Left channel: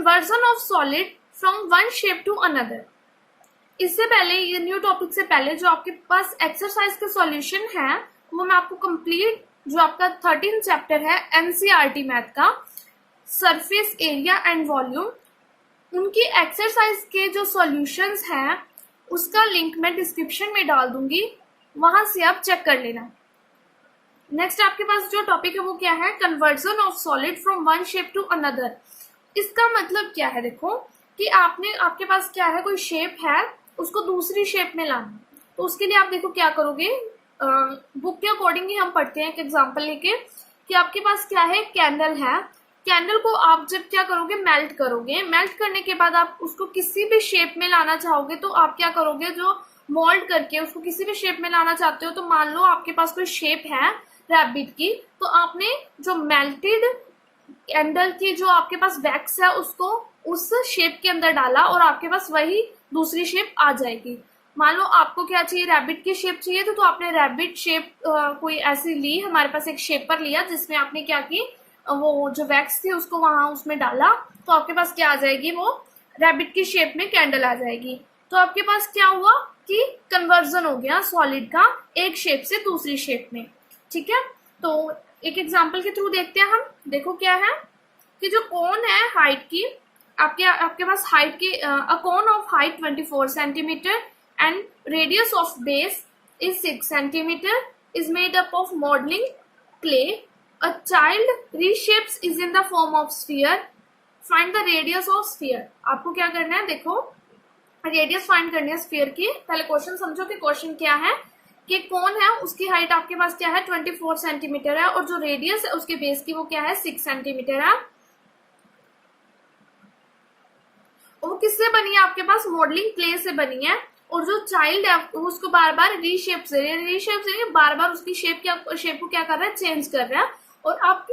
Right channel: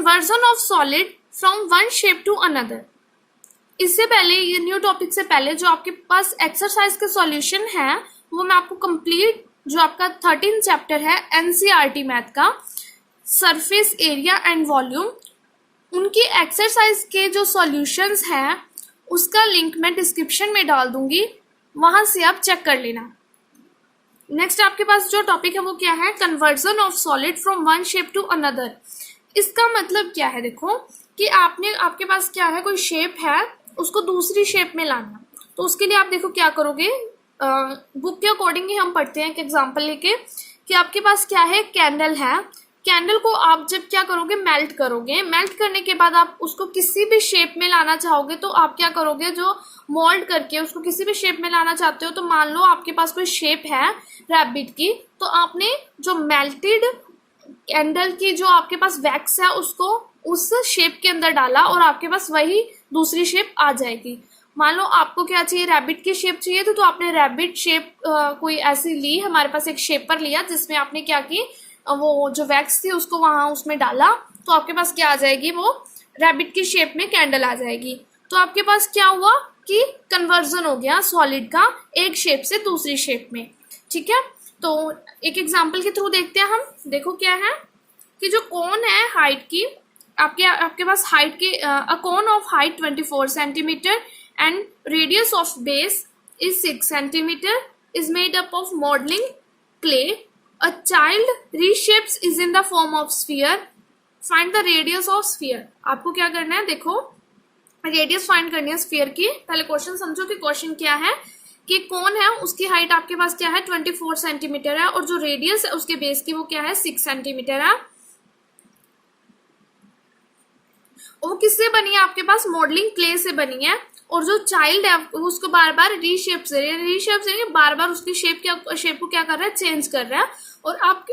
Conversion of solid from one shape to another. इससे पहले, ये न्यू टॉपिक से पहले, जो आपके पास एक्सरसाइज के सॉल्यूशन है वो मैं आपको कंप्लीट, जो आपका 13 चैप्टर है एनसीईआरटी मैथ का, सरफेस एरिया एंड वॉल्यूम, उनकी एक्सरसाइज के जो सॉल्यूशंस हैं उसका लिंक मैं डिस्क्रिप्शन में डाल दूंगी, वहां से आप चेक कर लेना। नेक्स्ट आपके पास जो टॉपिक है वो क्या है, conversion of solid from one shape to another. इसका मतलब क्या है, देखो कि आपके पास क्या है, कोई शेप है, उसको दूसरी शेप में लाना। तो उसके लिए आप देखो क्या करोगे, बुक के अकॉर्डिंग ही हम पढ़ते हैं। एक एग्जांपल लेके कि आपके पास क्या है, कैंडल है, कैंडल को आप जब क्या करोगे, मेल्ट करोगे, मेल्ट करने के बाद आप उसको किसी भी शेप में लाना चाहोगे तो आप क्या करोगे, जो मोल्ड करके उसको किसी भी शेप में लाना चाहते हो, तो मान लो आपके पास कोई शेप है रैबिट की, तो आपने जो मेल्टेड कैंडल की जो आपके पास वैक्स है उसको उस शेप के अंदर डाला और आपके पास वही दूसरी शेप आ जाएगी। मान लो आपको क्या चाहिए, रैबिट की शेप चाहिए, तो आपने रैबिट शेप कोई ऐसी ली, हमारे पास एक शेपर लिया जिसमें आपने क्या की, वो जो वैक्स थी उसको वहां उसमें डाला, तो आपके पास क्या आ जाएगी, वो रैबिट की शेप में कैंडल आ जाएगी। तो आपके पास क्या हुआ कि कन्वर्जन हो गया सॉलिड का एक शेप से दूसरी शेप में। ठीक है, तो एक एग्जांपल के थ्रू देखते हैं हम। देखो क्या है कि जो कोन है हाइट की, आपके पास हाइट की, a cone of height 24 centimetre and radius of base is 6 centimetre is made up of modelling clay. A child reshapes is in the form of sphere, find the radius of sphere. आपको क्या करना है, देखो radius find करनी है sphere की। पहले question समझो कि क्वेश्चन क्या है, कि कौन है उसकी हाइट आपके पास क्या है 24 सेंटीमीटर है, और जो रेडियस है उसके बेस की वो क्या है 6 सेंटीमीटर है। वो किससे बनी है, आपके पास मॉडलिंग क्ले से बनी है। और जो चाइल्ड है उसको बार बार रीशेप से बार बार उसकी शेप को क्या कर रहा है, चेंज कर रहा है। और आप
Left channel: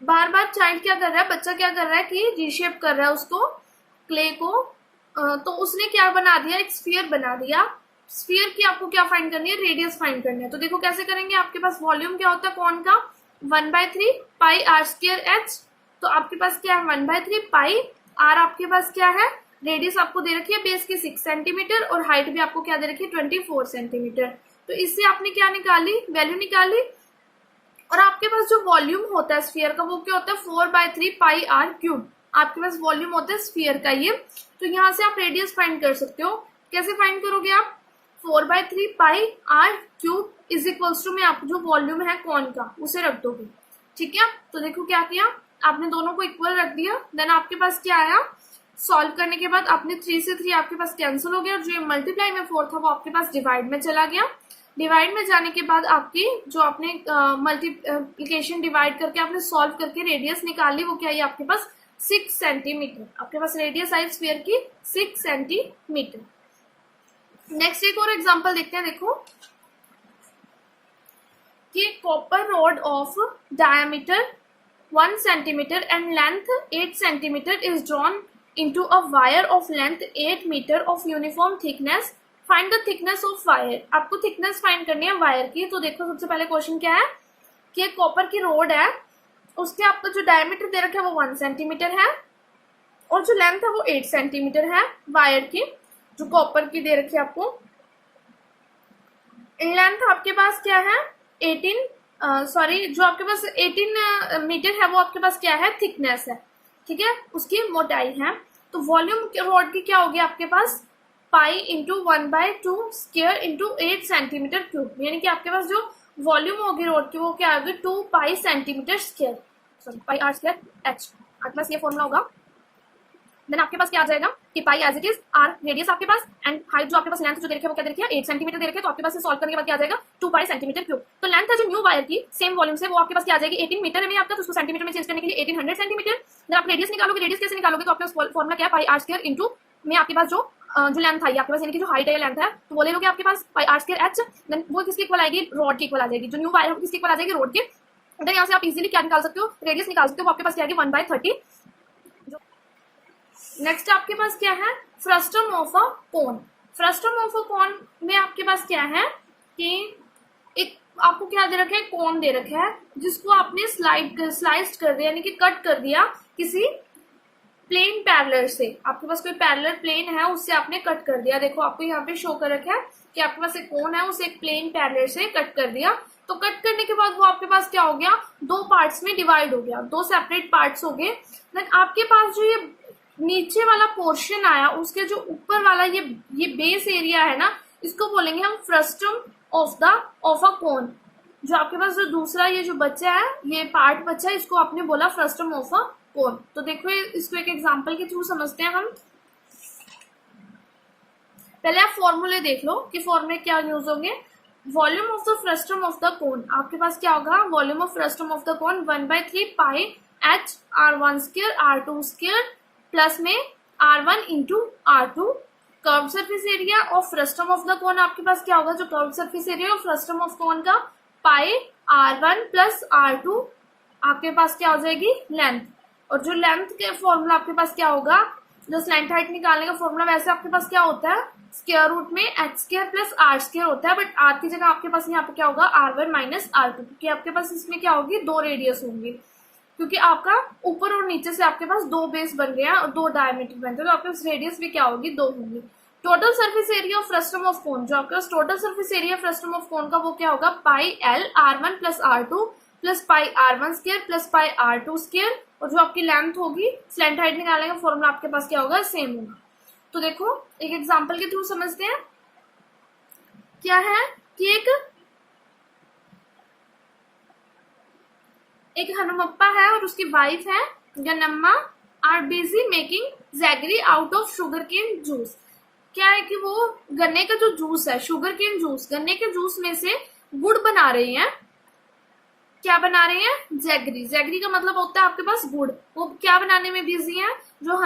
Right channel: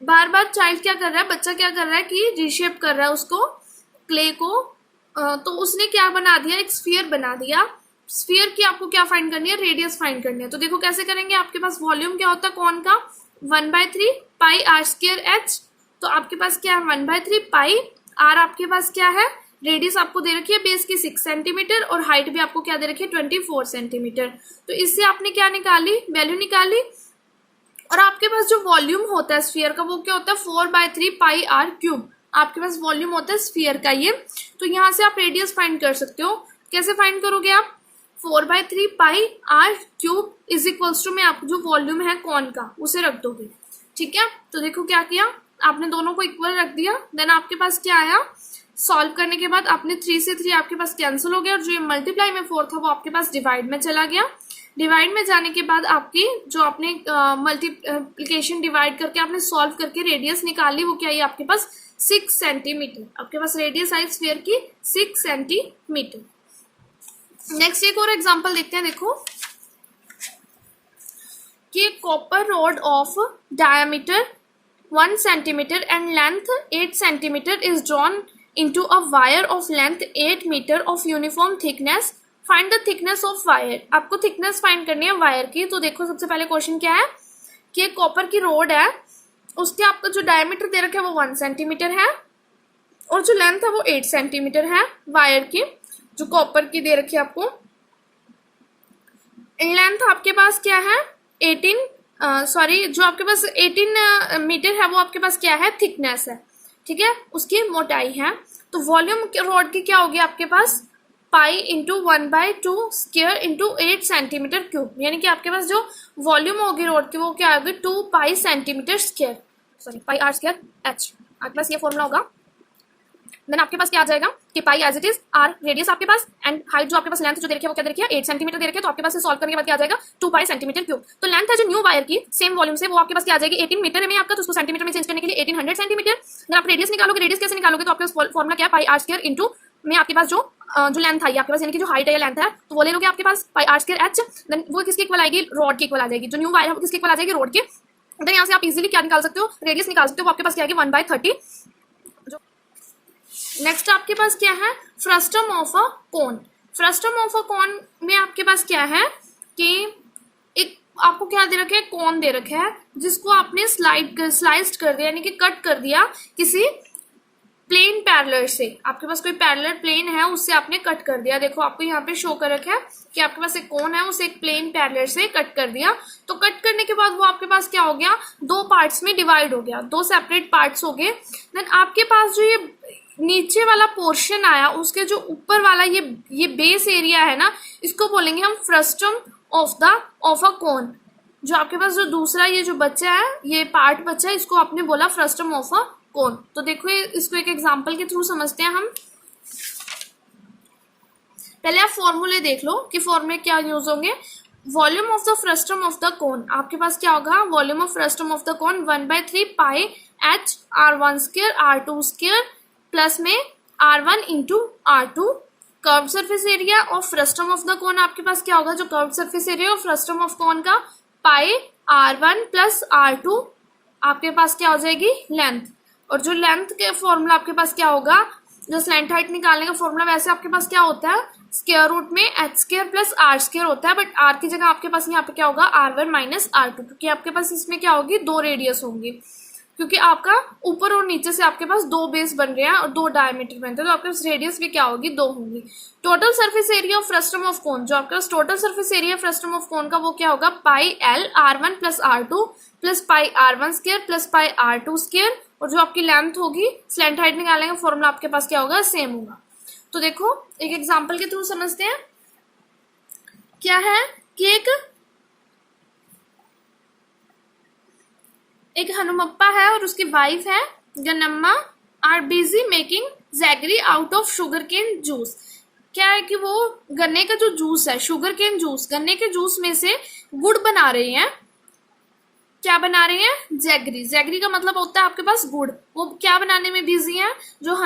बार बार चाइल्ड क्या कर रहा है, बच्चा क्या कर रहा है कि रीशेप कर रहा है उसको, क्ले को। तो उसने क्या बना दिया, एक स्फीयर बना दिया। स्फीयर की आपको क्या फाइंड करनी है, रेडियस फाइंड करनी है। तो देखो कैसे करेंगे, आपके पास वॉल्यूम क्या होता है कौन का, 1/3 पाई आर स्क्वायर एच। तो आपके पास क्या है 1/3 पाई आर, आपके पास क्या है, रेडियस आपको दे रखी है बेस की 6 सेंटीमीटर और हाइट भी आपको क्या दे रखी है 24 सेंटीमीटर। तो इससे आपने क्या निकाली, वैल्यू निकाली। और आपके पास जो वॉल्यूम होता है स्फीयर का वो क्या होता है 4/3 पाई आर क्यूब, आपके पास वॉल्यूम होता है स्फीयर का ये। तो यहाँ से आप रेडियस फाइंड कर सकते हो। कैसे फाइंड करोगे आप, 4/3 pi r cube is equals to में आप जो वॉल्यूम है कौन का उसे रख दोगे। ठीक है, तो देखो क्या किया आपने, दोनों को इक्वल रख दिया। देन आपके पास क्या आया, सॉल्व करने के बाद आपने 3 से 3 आपके पास कैंसिल हो गया, और जो ये मल्टीप्लाई में 4 था वो आपके पास डिवाइड में चला गया। डिवाइड में जाने के बाद आपकी जो आपने मल्टीप्लिकेशन डिवाइड करके आपने सॉल्व करके रेडियस निकाली, वो क्या है आपके पास 6 सेंटीमीटर, आपके पास रेडियस आई स्फीयर की 6 सेंटीमीटर। नेक्स्ट एक और एग्जांपल देखते हैं। देखो कि copper rod of diameter 1 centimetre and length 8 centimetre is drawn into a wire of length 8 metre of uniform thickness, find the thickness of wire। आपको थिकनेस फाइंड करनी है वायर की। तो देखो सबसे पहले क्वेश्चन क्या है कि एक कॉपर की रोड है, उसके आपको जो डायमीटर दे रखा है वो 1 सेंटीमीटर है और जो लेंथ है वो 8 सेंटीमीटर है वायर की, जो कॉपर की दे रखी है आपको। लेंथ आपके पास क्या है 18 जो आपके पास 18 मीटर है वो आपके पास क्या है थिकनेस है। ठीक है, उसकी मोटाई है। तो वॉल्यूम रॉड की क्या होगी आपके पास pi into 1/2 square into 8 centimetre cube, यानी कि आपके पास जो वॉल्यूम होगी रॉड की वो क्या होगी 2 pi centimetre square, sorry pi R square H, आपके पास ये फॉर्मूला होगा। देन आपके पास क्या आ जाएगा कि pi as it is r radius आपके पास एंड हाइट जो आपके पास लेंथ जो दे रखी है वो क्या दे रखी है 8 सेंटीमीटर दे रखी है। तो आपके पास से सॉल्व करने के बाद क्या आ जाएगा 2 पाई सेंटीमीटर क्यूब। तो लेंथ है जो न्यू वायर की सेम वॉल्यूम से वो आपके पास क्या आ जाएगी 18 मीटर में आपका, तो उसको सेंटीमीटर में चेंज करने के लिए 1800 सेंटीमीटर। देन आप रेडियस निकालोगे, रेडियस कैसे निकालोगे, तो आपके पास फॉर्मूला क्या है पाई आर स्क्वायर इंटू में आपके पास जो लेंथ आई आपके पास यानी कि जो हाइट है या लेंथ है तो वो ले लोगे आपके पास पाई आर स्क्वायर एच। देन वो किसके इक्वल आएगी रॉड की इक्वल आ जाएगी, जो न्यू वायर है वो किसके इक्वल आ जाएगी रॉड के। देन यहाँ से आप इजीली क्या निकाल सकते हो रेडियस निकाल सकते हो, आपके पास क्या आएगी 1/30। नेक्स्ट आपके पास क्या है frustum of a cone. Frustum of a cone में आपके पास क्या है कि एक आपको क्या दे रखा है, कौन दे रखा है, जिसको आपने स्लाइस्ड कर दिया, यानी कि कट कर दिया किसी प्लेन पैरेलल से। आपके पास कोई पैरेलल प्लेन है, उससे आपने कट कर दिया। देखो आपको यहाँ पे शो कर रखा है कि आपके पास एक कोन है, उसे एक प्लेन पैरेलल से कट कर दिया। तो कट करने के बाद वो आपके पास क्या हो गया, दो पार्ट्स में डिवाइड हो गया, दो सेपरेट पार्ट्स हो गए। देन आपके पास जो ये नीचे वाला पोर्शन आया, उसके जो ऊपर वाला ये बेस एरिया है ना, इसको बोलेंगे हम फ्रस्टम ऑफ अ कोन। जो आपके पास जो दूसरा ये जो बच्चा है, ये पार्ट बच्चा है, इसको आपने बोला फ्रस्टम ऑफ अ कोन। तो देखो इसको एक एग्जांपल के थ्रू समझते हैं हम। पहले आप फॉर्मूले देख लो कि फॉर्मूले क्या यूज होंगे। Volume of the frustum of the cone, आपके पास क्या होगा, volume of frustum of the cone 1/3 pi h r1 square r2 square plus में r1 into r2। Curve surface area of frustum of the cone आपके पास क्या होगा, जो curve surface area of frustum of cone का पाई r1 plus r2 आपके पास क्या हो जाएगी, लेंथ। और जो लेंथ के फॉर्मूला आपके पास क्या होगा, जो स्लैंट हाइट निकालने का फॉर्मूला, वैसे आपके पास क्या होता है, स्क्वायर रूट में h square plus r square होता है, बट r की जगह आपके पास यहाँ पे क्या होगा, r1 माइनस r2, क्योंकि आपके पास इसमें क्या होगी, दो रेडियस होंगी, क्योंकि आपका ऊपर और नीचे से आपके पास दो बेस बन रहे हैं और दो डायमीटर बनते हैं, तो आपके पास रेडियस भी क्या होगी, दो होंगी। Total surface area of frustum of cone, जो आपका total surface area frustum of cone का वो क्या होगा, पाई l r1 plus r2 plus pi r1 square plus pi r2 square. और जो आपकी लेंथ होगी, स्लैंट हाइट निकालने का फॉर्मूला आपके पास क्या होगा, सेम होगा। तो देखो एक एग्जांपल के थ्रू समझते हैं। क्या है कि एक हनुमप्पा है और उसकी वाइफ है Gannamma are busy making jaggery out of sugar cane juice. क्या है कि वो गन्ने का जो जूस है, शुगर केन जूस, गन्ने के जूस में से गुड़ बना रही हैं। क्या बना रहे हैं, जैगरी। जैगरी का मतलब होता है आपके पास गुड़। वो क्या बनाने में बिजी है, जो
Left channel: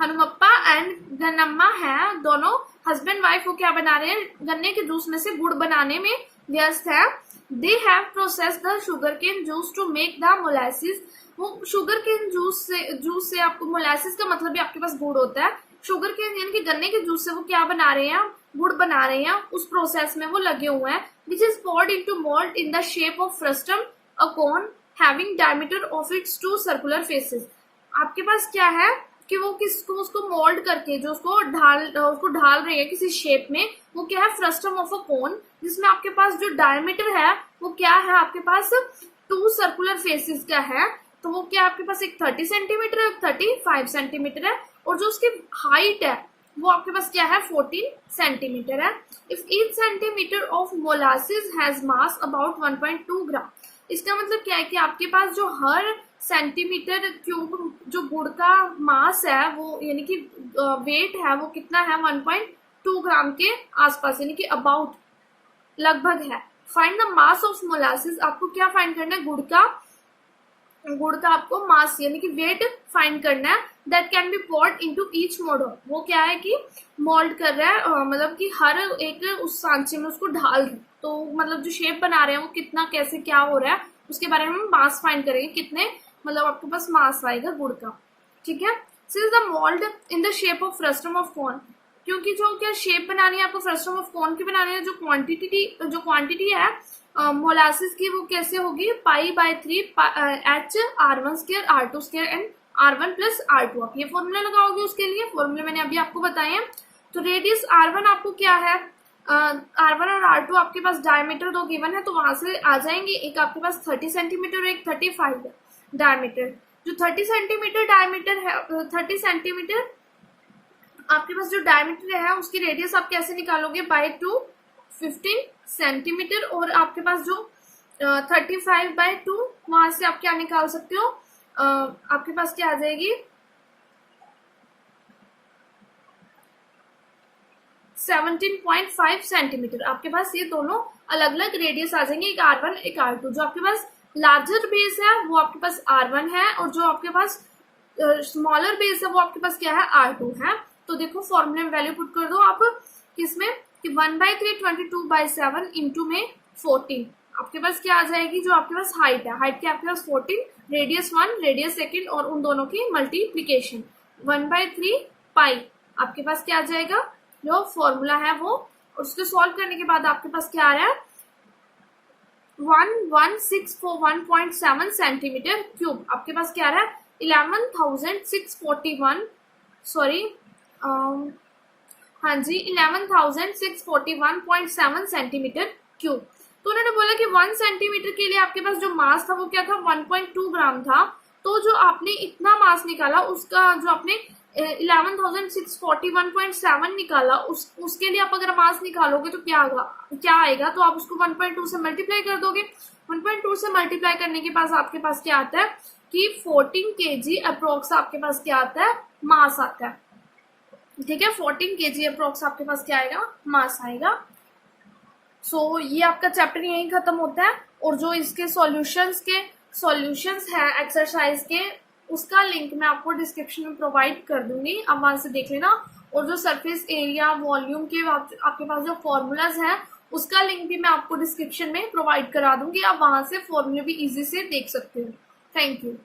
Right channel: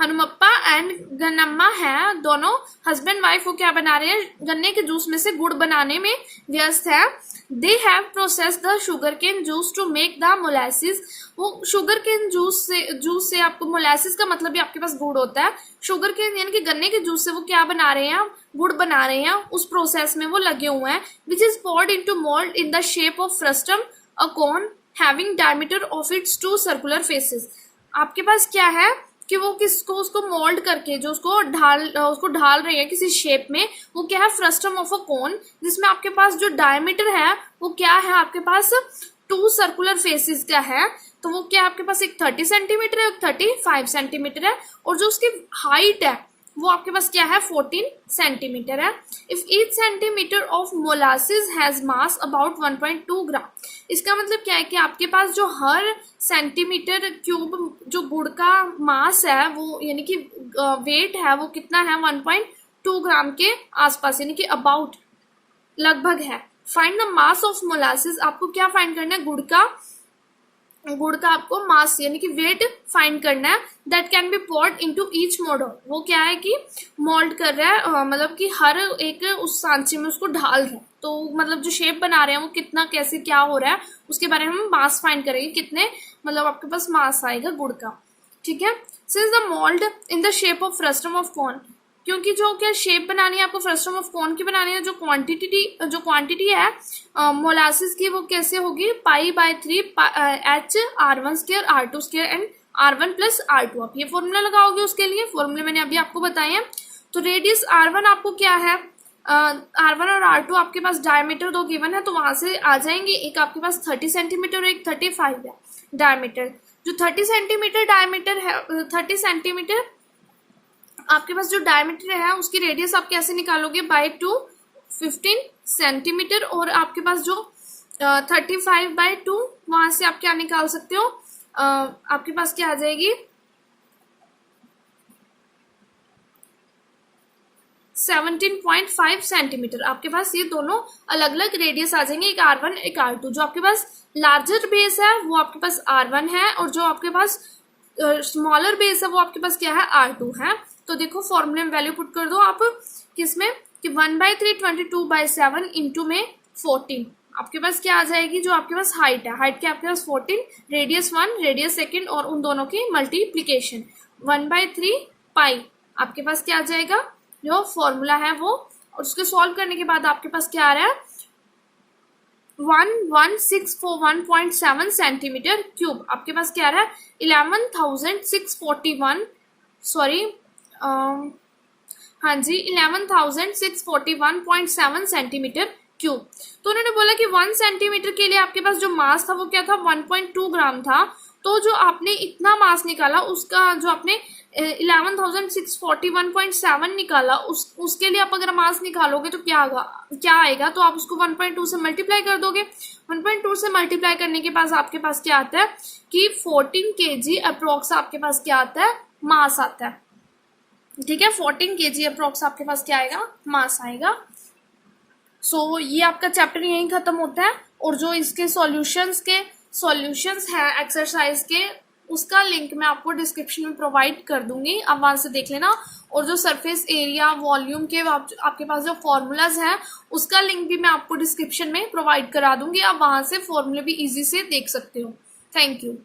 हनुमप्पा एंड गन्नम्मा है, दोनों हस्बैंड वाइफ, वो क्या बना रहे हैं, गन्ने के जूस में से गुड़ बनाने में व्यस्त है। They have process the sugar cane juice to make the molasses. वो शुगर केन जूस से आपको, मोलासिस का मतलब भी आपके पास गुड़ होता है। शुगर केन यानी कि गन्ने के जूस से वो क्या बना रहे हैं, गुड़ बना रहे हैं, उस प्रोसेस में वो लगे हुए हैं। Which is poured into mold in the shape of frustum, a cone having diameter of its two circular faces। आपके पास क्या है कि वो उसको मोल्ड करके, जो उसको ढाल रहे हैं किसी शेप में, वो क्या है, फ्रस्टम ऑफ अ कोन, जिसमें आपके पास जो डायमीटर है वो क्या है, आपके पास 2 सर्कुलर फेसेस का है। तो वो क्या आपके पास, एक 30 सेंटीमीटर है, एक 35 सेंटीमीटर है, और जो उसकी हाइट है वो आपके पास क्या है, 14 सेंटीमीटर है। If each centimetre of molasses has mass about 1.2 ग्राम। इसका मतलब क्या है कि आपके पास जो हर सेंटीमीटर क्यूब जो गुड़ का मास है, वो यानी कि वेट है, वो कितना है, 1.2 ग्राम के आसपास, यानी कि अबाउट, लगभग है। Find the mass of molasses. आपको क्या फाइंड करना है, गुड़ का आपको मास यानी कि वेट फाइंड करना है। That can be poured into each mould. वो क्या है कि मोल्ड कर रहा है, मतलब कि हर एक उस सांचे में उसको ढाल रहा है। तो मतलब जो शेप बना रहे हैं वो कितना, कैसे, क्या हो रहा है, उसके बारे में हम मास फाइंड करेंगे, कितने मतलब आपके पास मास आएगा गुड़ का। ठीक है। Since the mould in the shape of frustum of cone, क्योंकि जो क्या शेप बनानी है आपको फ्रस्टम ऑफ कोन की बनानी है, जो क्वांटिटी है मोलासिस की, वो कैसे होगी, पाई/3 h r1 square r2 square and r1 plus r2। आप ये फॉर्मूला लगाओगे, उसके लिए फॉर्मूले मैंने अभी आपको बताए हैं। तो रेडियस r1 आपको क्या है, r1 और r2 आपके पास डायमीटर दो गिवन है, तो वहां से आ जाएंगे। एक आपके पास 30 सेंटीमीटर और एक 35 है डायमीटर। जो 30 सेंटीमीटर डायमीटर है, 30 सेंटीमीटर आपके पास जो डायमीटर है, उसकी रेडियस आप कैसे निकालोगे, बाय 2 15 सेंटीमीटर। और आपके पास जो 35/2, वहां से आप क्या निकाल सकते हो, आपके पास क्या आ जाएगी, 17.5 सेंटीमीटर। आपके पास ये दोनों अलग अलग रेडियस आ जाएंगे, एक r1 एक r2। जो आपके पास लार्जर बेस है वो आपके पास r1 है, और जो आपके पास स्मॉलर बेस है वो आपके पास क्या है, r2 है। तो देखो फॉर्मूले में वैल्यू पुट कर दो आप, किसमें कि 1/3 22/7 इंटू में 14। आपके पास क्या आ जाएगी, जो आपके पास हाइट है, हाइट के आपके पास 14, रेडियस 1, रेडियस सेकंड, और उन दोनों की मल्टीप्लीकेशन 1/3 पाई। आपके पास क्या आ जाएगा, जो फॉर्मूला है वो, और उसको सॉल्व करने के बाद आपके पास क्या आ रहा है, 11,641.7 सेंटीमीटर क्यूब। आपके पास क्या आ रहा है 11,641, सॉरी हाँ जी 11,641.7 सेंटीमीटर क्यूब। तो उन्होंने बोला कि 1 सेंटीमीटर के लिए आपके पास जो मास था वो क्या था 1.2 ग्राम था। तो जो आपने इतना मास निकाला उसका जो आपने 11,641.7 निकाला उसके लिए आप अगर मास निकालोगे तो क्या आएगा, तो आप उसको 1.2 से मल्टीप्लाई कर दोगे। 1.2 से मल्टीप्लाई करने के बाद आपके पास क्या आता है कि 14 kg अप्रोक्स आपके पास क्या आता है मास आता है। ठीक है 14 kg अप्रोक्स आपके पास क्या आएगा मास आएगा। सो ये आपका चैप्टर यहीं खत्म होता है। और जो इसके सॉल्यूशंस है एक्सरसाइज के उसका लिंक मैं आपको डिस्क्रिप्शन में प्रोवाइड कर दूंगी, आप वहां से देख लेना। और जो सरफेस एरिया वॉल्यूम के आपके पास जो फॉर्मूलाज हैं उसका लिंक भी मैं आपको डिस्क्रिप्शन में प्रोवाइड करा दूंगी, आप वहां से फॉर्मूले भी इजी से देख सकते हो। Thank you.